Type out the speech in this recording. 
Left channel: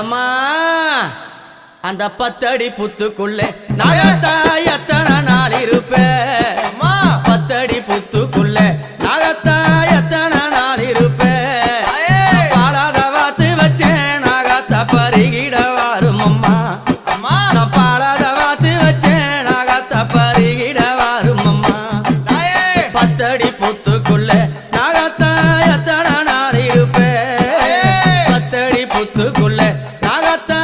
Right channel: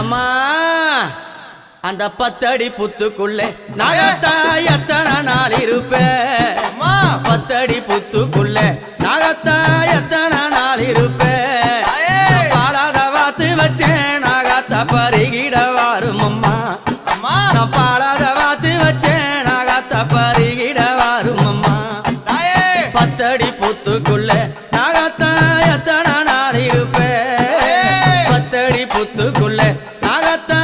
எம்மா அந்த 10 அடி புத்துக்குள்ளே நாகத்தா எத்தனை நாள் இருப்பேன் 10 அடி புத்துக்குள்ளே நாகத்தா எத்தனை நாள் இருப்பேன் பாலாத வாத்து வச்சேன் நாகத்தா பருகிட வாரும் அம்மா நான் பாலாத வாத்து வச்சேன் நாகத்தா பருகிட வாரும் அம்மா 10 அடி புத்துக்குள்ளே நாகத்தா எத்தனை நாள் இருப்பேன் 10 அடி புத்துக்குள்ளே நாகத்தா